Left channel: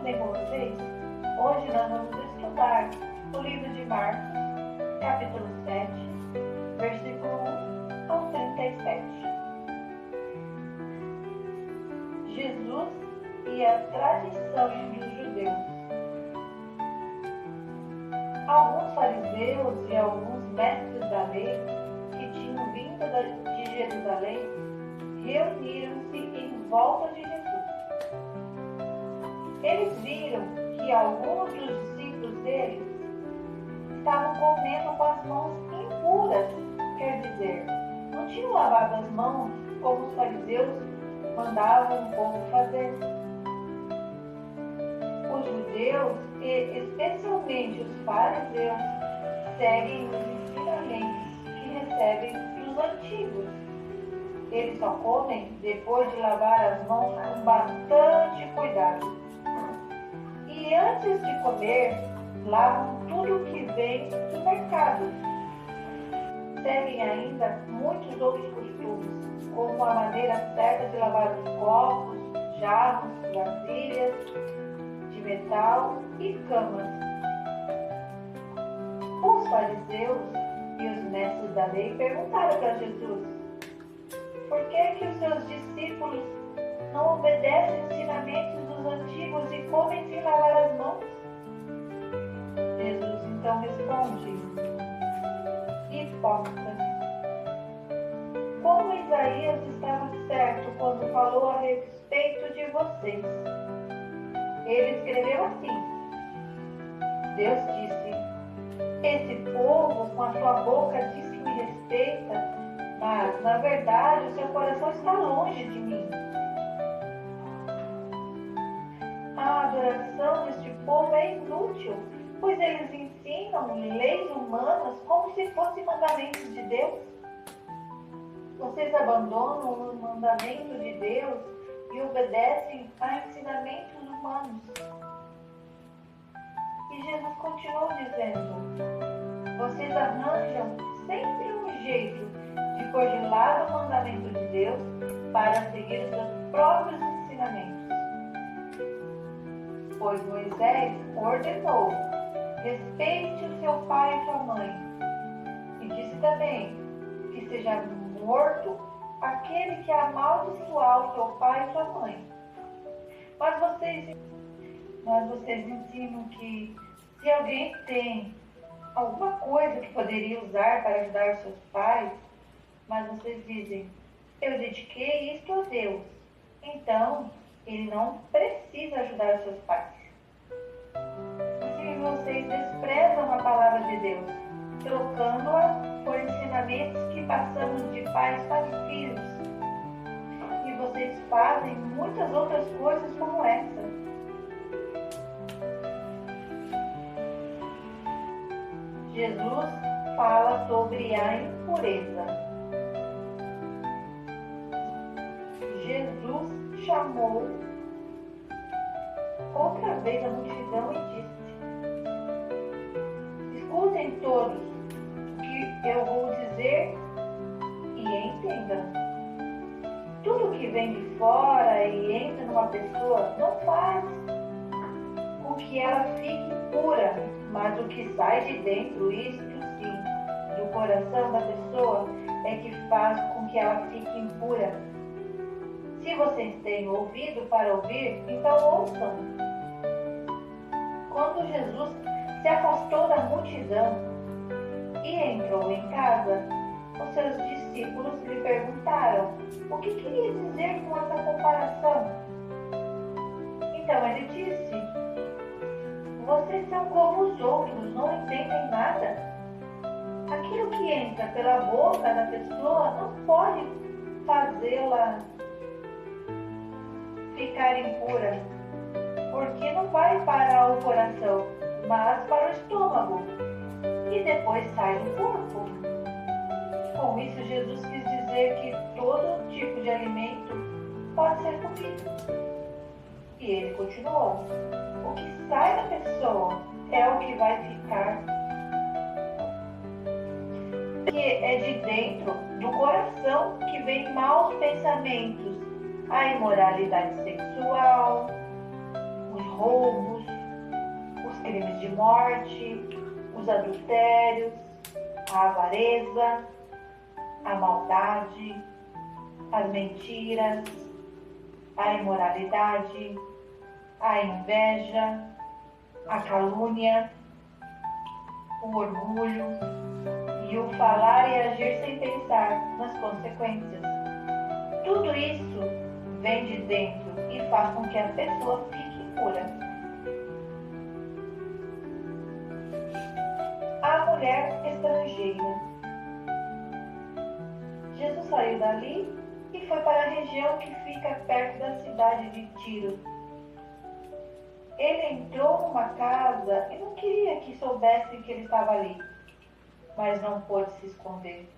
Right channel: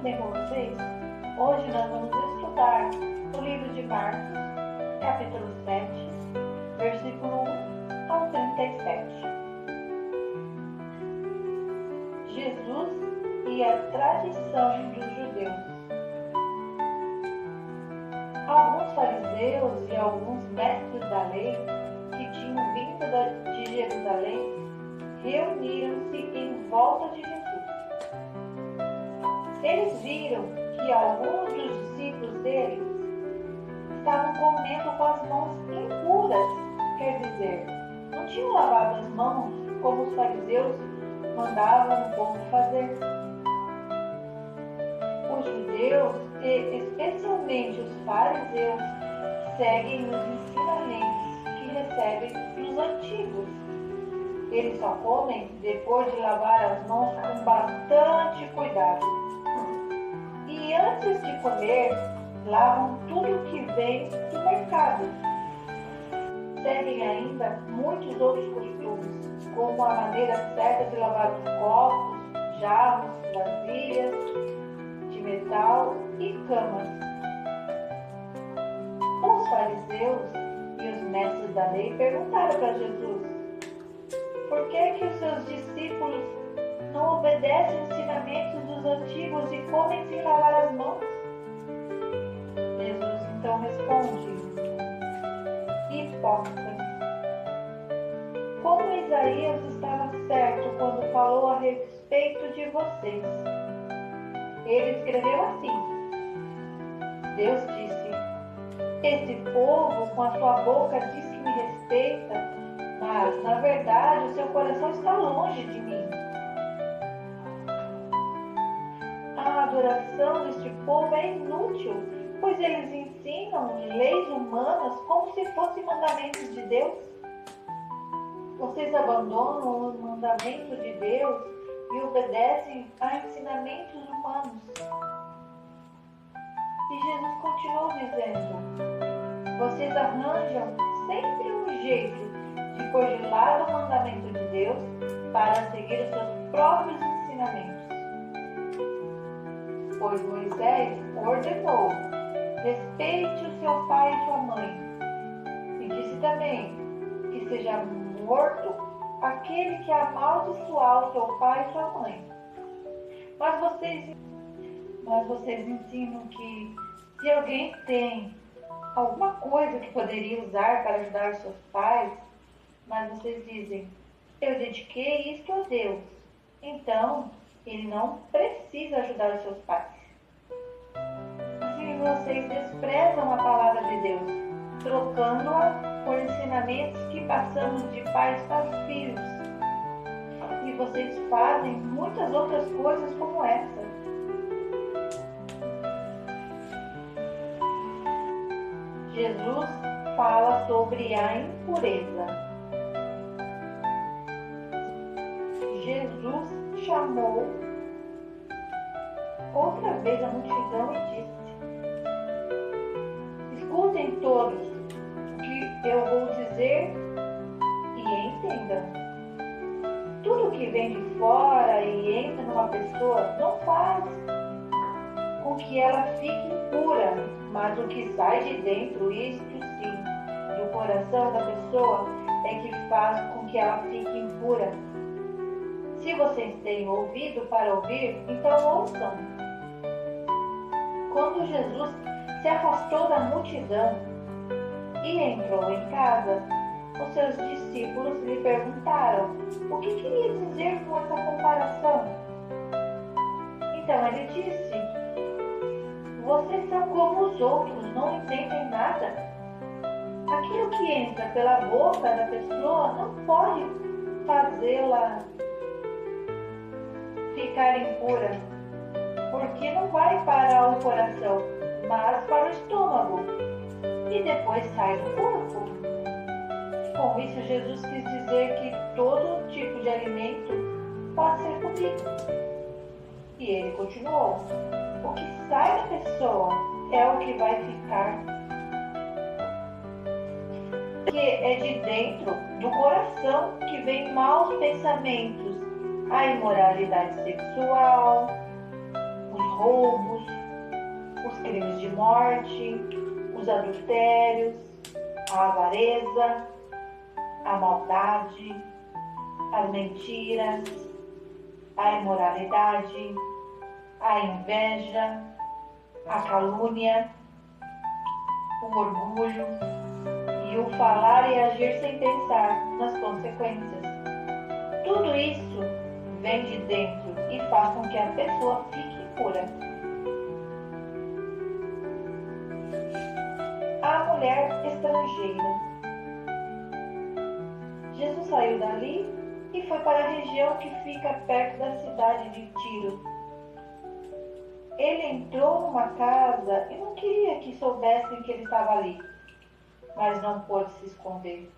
tudo bem com vocês? Hoje nós vamos estudar o livro de Marcos, capítulo 7, versículo 1 ao 37. Jesus e a tradição dos judeus. Alguns fariseus e alguns mestres da lei que tinham vindo de Jerusalém reuniram-se em volta de Jesus. Eles viram que alguns dos discípulos deles estavam comendo com as mãos impuras, quer dizer, não tinham lavado as mãos como os fariseus mandavam o povo fazer. Os judeus, e especialmente os fariseus, seguem os ensinamentos que recebem dos antigos. Eles só comem depois de lavar as mãos com bastante cuidado. E antes de comer, lavam tudo que vem do mercado. Seguem ainda muitos outros costumes, como a maneira certa de lavar os copos, jarros, vasilhas de metal e camas. Os fariseus e os mestres da lei perguntaram para Jesus: por que os seus discípulos não obedecem os ensinamentos dos antigos e comem sem lavar as mãos? Jesus então responde: hipócritas, como Isaías estava certo quando falou a respeito de vocês. Ele escreveu assim: Deus disse: esse povo com a sua boca diz que me respeita, mas na verdade o seu coração está longe de mim. A adoração deste povo é inútil, pois eles ensinam leis humanas como se fossem mandamentos de Deus. Vocês abandonam o mandamento de Deus e obedecem a ensinamentos humanos. E Jesus continuou dizendo: vocês arranjam sempre um jeito de pôr de lado o mandamento de Deus para seguir os seus próprios ensinamentos. Pois Moisés ordenou: respeite o seu pai e sua mãe. E disse também que seja morto aquele que amaldiçoar o seu pai e sua mãe. Mas vocês ensinam que se alguém tem alguma coisa que poderia usar para ajudar os seus pais, mas vocês dizem: eu dediquei isto a Deus, então ele não precisa ajudar os seus pais. Assim vocês desprezam a palavra de Deus, trocando-a por ensinamentos que passamos de pais para filhos. E vocês fazem muitas outras coisas como essa. Jesus fala sobre a impureza. Jesus chamou outra vez a multidão e disse: escutem todos o que eu vou dizer e entendam. Tudo que vem de fora e entra numa pessoa não faz com que ela fique impura, mas o que sai de dentro, isto sim, do coração da pessoa, é que faz com que ela fique impura. Se vocês têm ouvido para ouvir, então ouçam. Quando Jesus se afastou da multidão e entrou em casa, os seus discípulos lhe perguntaram o que queria dizer com essa comparação. Então ele disse: vocês são como os outros, não entendem nada. Aquilo que entra pela boca da pessoa não pode fazê-la ficar impura, porque não vai para o coração, mas para o estômago, e depois sai do corpo. Com isso, Jesus quis dizer que todo tipo de alimento pode ser comido. E ele continuou: o que sai da pessoa é o que vai ficar, que é de dentro do coração que vem maus pensamentos, a imoralidade sexual, os roubos, os crimes de morte, os adultérios, a avareza, a maldade, as mentiras, a imoralidade, a inveja, a calúnia, o orgulho e o falar e agir sem pensar nas consequências. Tudo isso vem de dentro e faz com que a pessoa fique impura. A mulher estrangeira. Jesus saiu dali e foi para a região que fica perto da cidade de Tiro. Ele entrou numa casa e não queria que soubessem que ele estava ali, mas não pôde se esconder.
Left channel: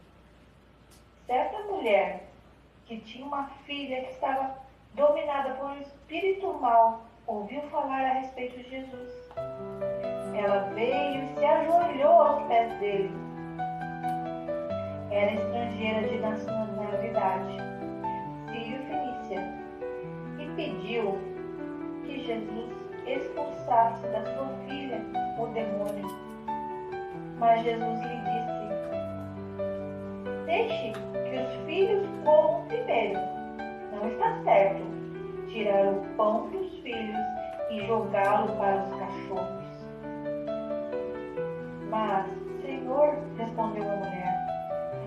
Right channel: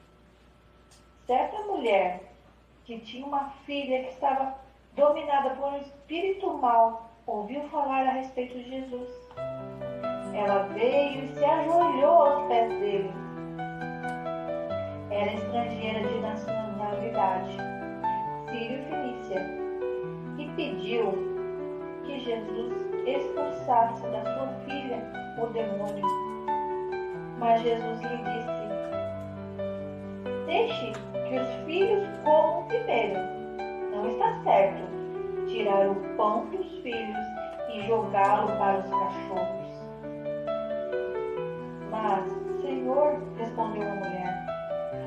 Certa mulher que tinha uma filha que estava dominada por um espírito mau ouviu falar a respeito de Jesus. Ela veio e se ajoelhou aos pés dele. Era estrangeira de nacionalidade, sírio-fenícia, e pediu que Jesus expulsasse da sua filha o demônio. Mas Jesus lhe disse: deixe que os filhos comam primeiro. Não está certo tirar o pão dos filhos e jogá-lo para os cachorros. Mas, Senhor, respondeu a mulher,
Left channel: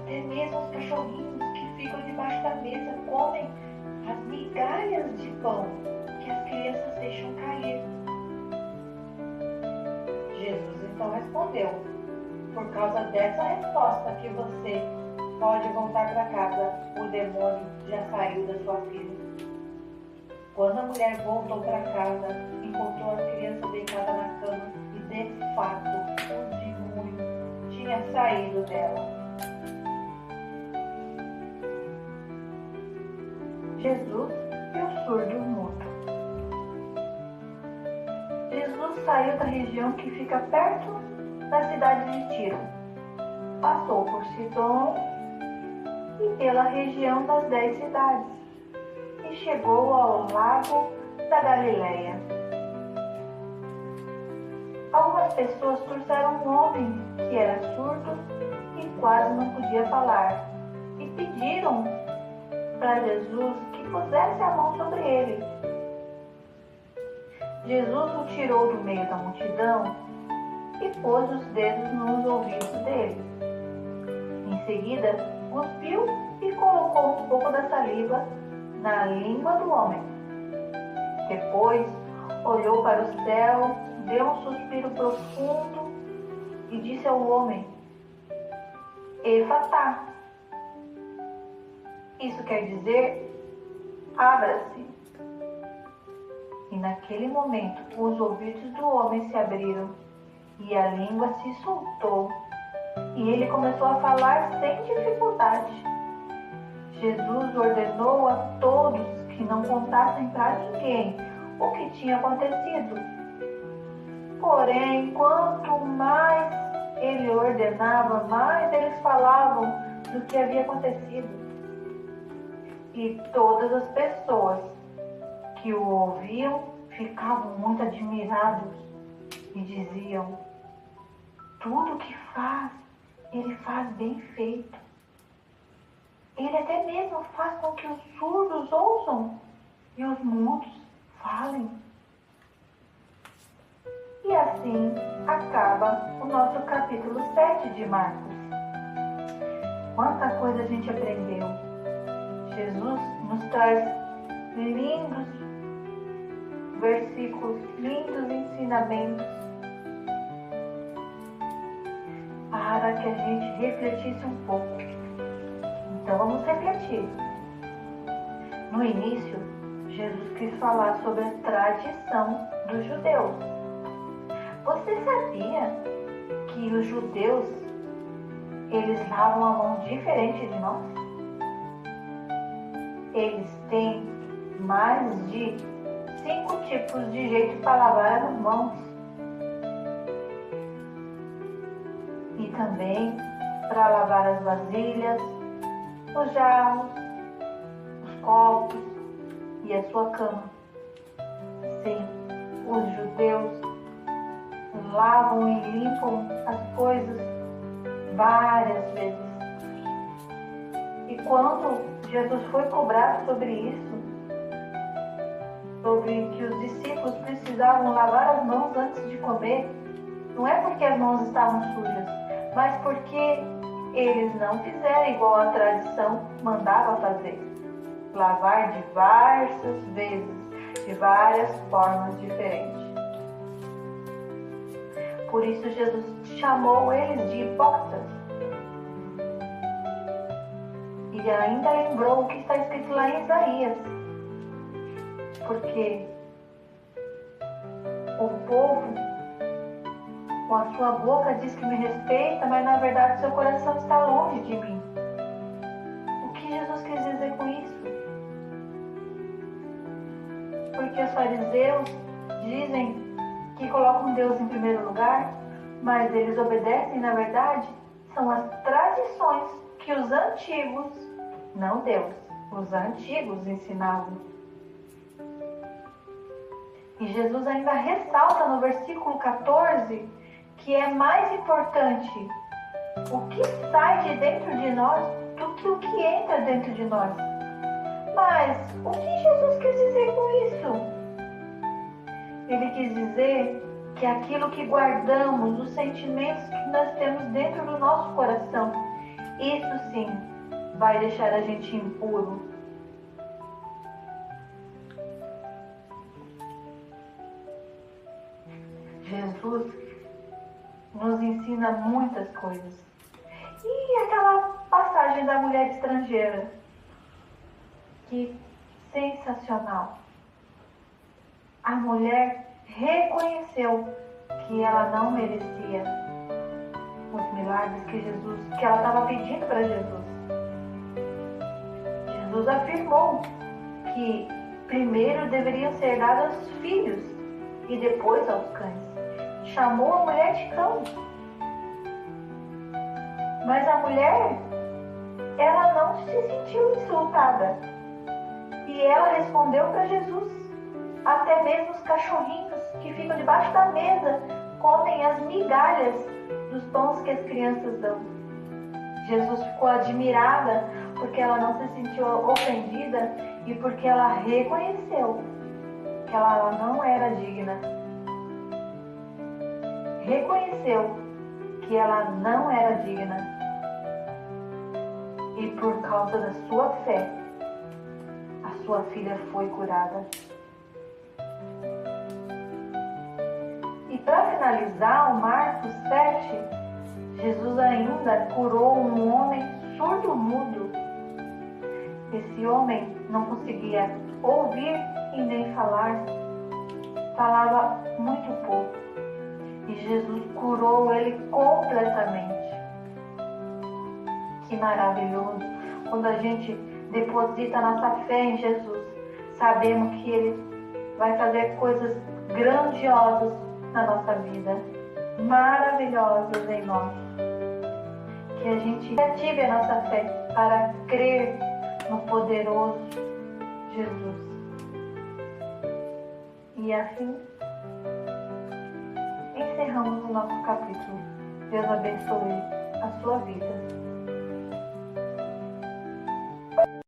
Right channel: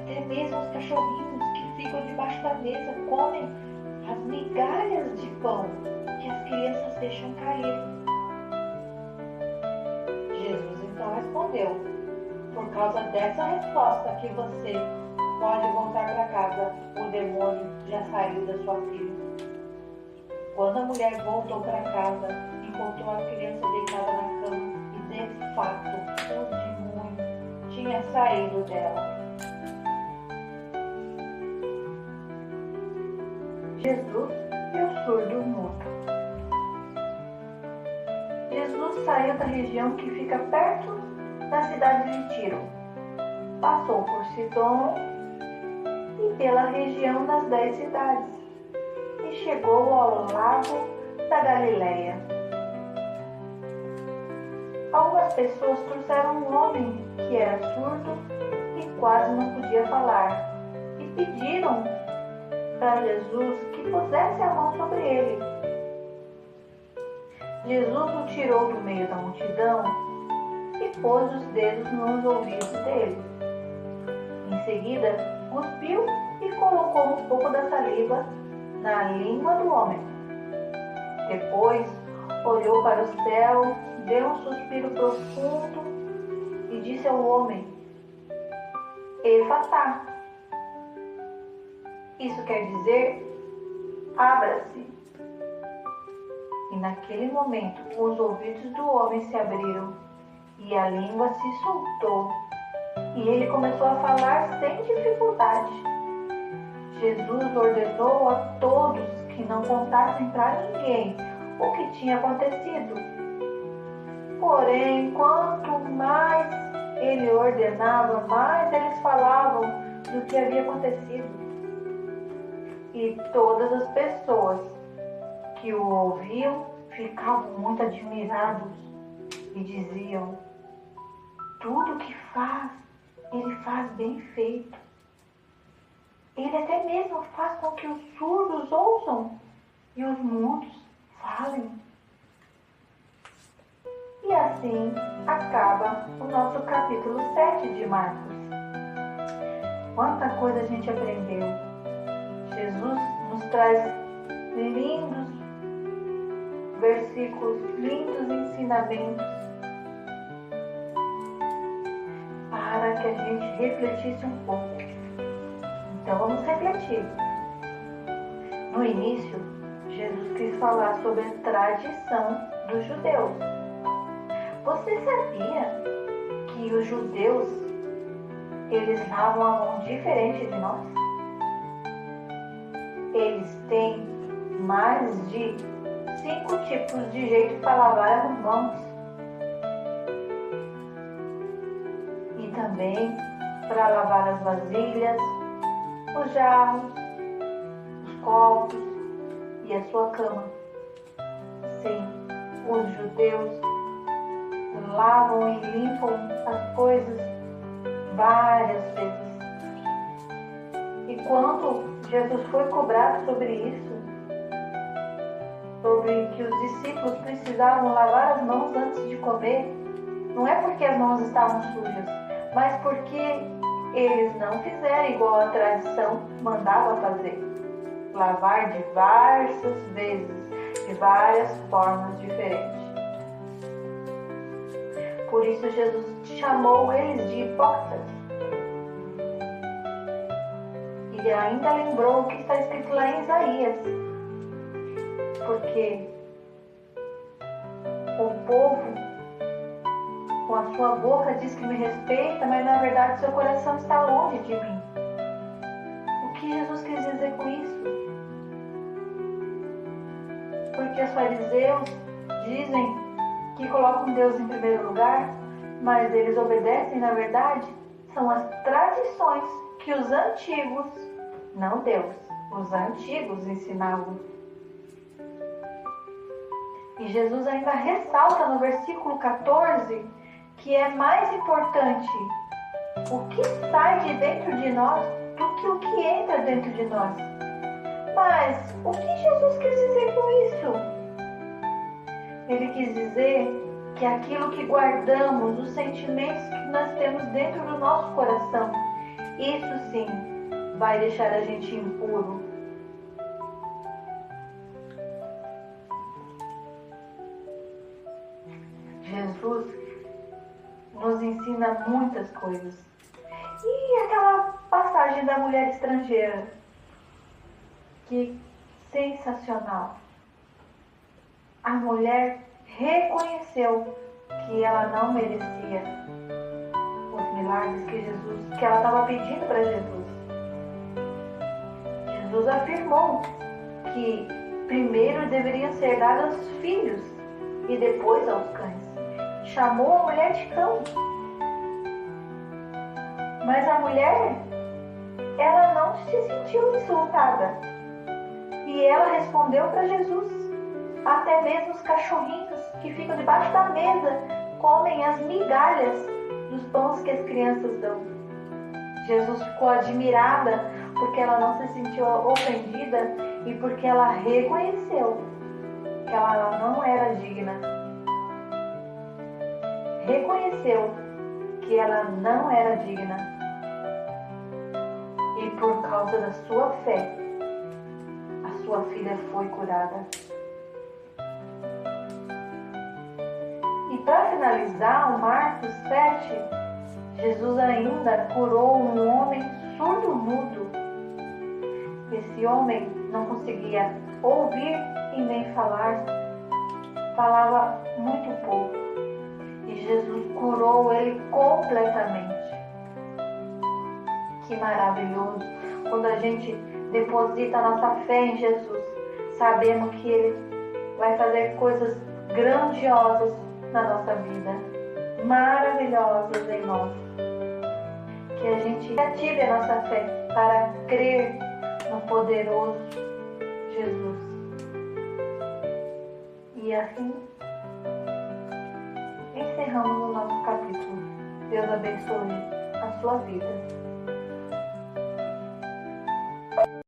até mesmo os cachorrinhos que ficam debaixo da mesa comem as migalhas de pão que as crianças deixam cair. Jesus então respondeu: por causa dessa resposta que você pode voltar para casa, o demônio já saiu da sua filha. Quando a mulher voltou para casa, encontrou a criança deitada na cama e, de fato, o demônio tinha saído dela. Jesus e o surdo mudo. Jesus saiu da região que fica perto da cidade de Tiro. Passou por Sidom e pela região das 10 cidades e chegou ao lago da Galileia. Algumas pessoas trouxeram um homem que era surdo e quase não podia falar e pediram para Jesus que pusesse a mão sobre ele. Jesus o tirou do meio da multidão e pôs os dedos nos ouvidos dele. Em seguida, cuspiu e colocou um pouco da saliva na língua do homem. Depois, olhou para o céu, deu um suspiro profundo e disse ao homem: Efatá. Isso quer dizer, abra-se. E naquele momento, os ouvidos do homem se abriram e a língua se soltou. E ele começou a falar sem dificuldade. Jesus ordenou a todos que não contassem para ninguém o que tinha acontecido. Porém, quanto mais ele ordenava, mais eles falavam do que havia acontecido. E todas as pessoas que o ouviam ficavam muito admirados e diziam: tudo que faz, ele faz bem feito. Ele até mesmo faz com que os surdos ouçam e os mudos falem. E assim acaba o nosso capítulo 7 de Marcos. Quanta coisa a gente aprendeu. Jesus nos traz lindos versículos, lindos ensinamentos para que a gente refletisse um pouco. Então vamos refletir. No início, Jesus quis falar sobre a tradição dos judeus. Você sabia que os judeus, eles lavam a mão diferente de nós? Eles têm mais de 5 tipos de jeito para lavar as mãos. E também para lavar as vasilhas, os jarros, os copos e a sua cama. Sim, os vão e limpam as coisas várias vezes. E quando Jesus foi cobrado sobre isso, sobre que os discípulos precisavam lavar as mãos antes de comer, não é porque as mãos estavam sujas, mas porque eles não fizeram igual a tradição mandava fazer. Lavar diversas vezes, de várias formas diferentes. Por isso Jesus chamou eles de hipócritas. E ainda lembrou o que está escrito lá em Isaías. Porque o povo, com a sua boca, diz que me respeita, mas na verdade seu coração está longe de mim. O que Jesus quis dizer com isso? Porque os fariseus dizem que colocam Deus em primeiro lugar, mas eles obedecem, na verdade, são as tradições que os antigos, não Deus, os antigos ensinavam. E Jesus ainda ressalta no versículo 14 que é mais importante o que sai de dentro de nós do que o que entra dentro de nós. Mas o que Jesus quis dizer com isso? Ele quis dizer que aquilo que guardamos, os sentimentos que nós temos dentro do nosso coração, isso sim vai deixar a gente impuro. Jesus nos ensina muitas coisas. E aquela passagem da mulher estrangeira, que sensacional. A mulher reconheceu que ela não merecia os milagres que ela estava pedindo para Jesus. Jesus afirmou que primeiro deveriam ser dados aos filhos e depois aos cães. Chamou a mulher de cão. Mas a mulher, ela não se sentiu insultada. E ela respondeu para Jesus. Até mesmo os cachorrinhos que ficam debaixo da mesa comem as migalhas dos pães que as crianças dão. Jesus ficou admirada porque ela não se sentiu ofendida e porque ela reconheceu que ela não era digna. Reconheceu que ela não era digna. E por causa da sua fé, a sua filha foi curada. E para finalizar, o Marcos 7, Jesus ainda curou um homem surdo-mudo. Esse homem não conseguia ouvir e nem falar, falava muito pouco. E Jesus curou ele completamente. Que maravilhoso! Quando a gente deposita a nossa fé em Jesus, sabemos que Ele vai fazer coisas grandiosas na nossa vida, maravilhosas em nós. Que a gente ative a nossa fé para crer no poderoso Jesus. E assim, encerramos o nosso capítulo. Deus abençoe a sua vida.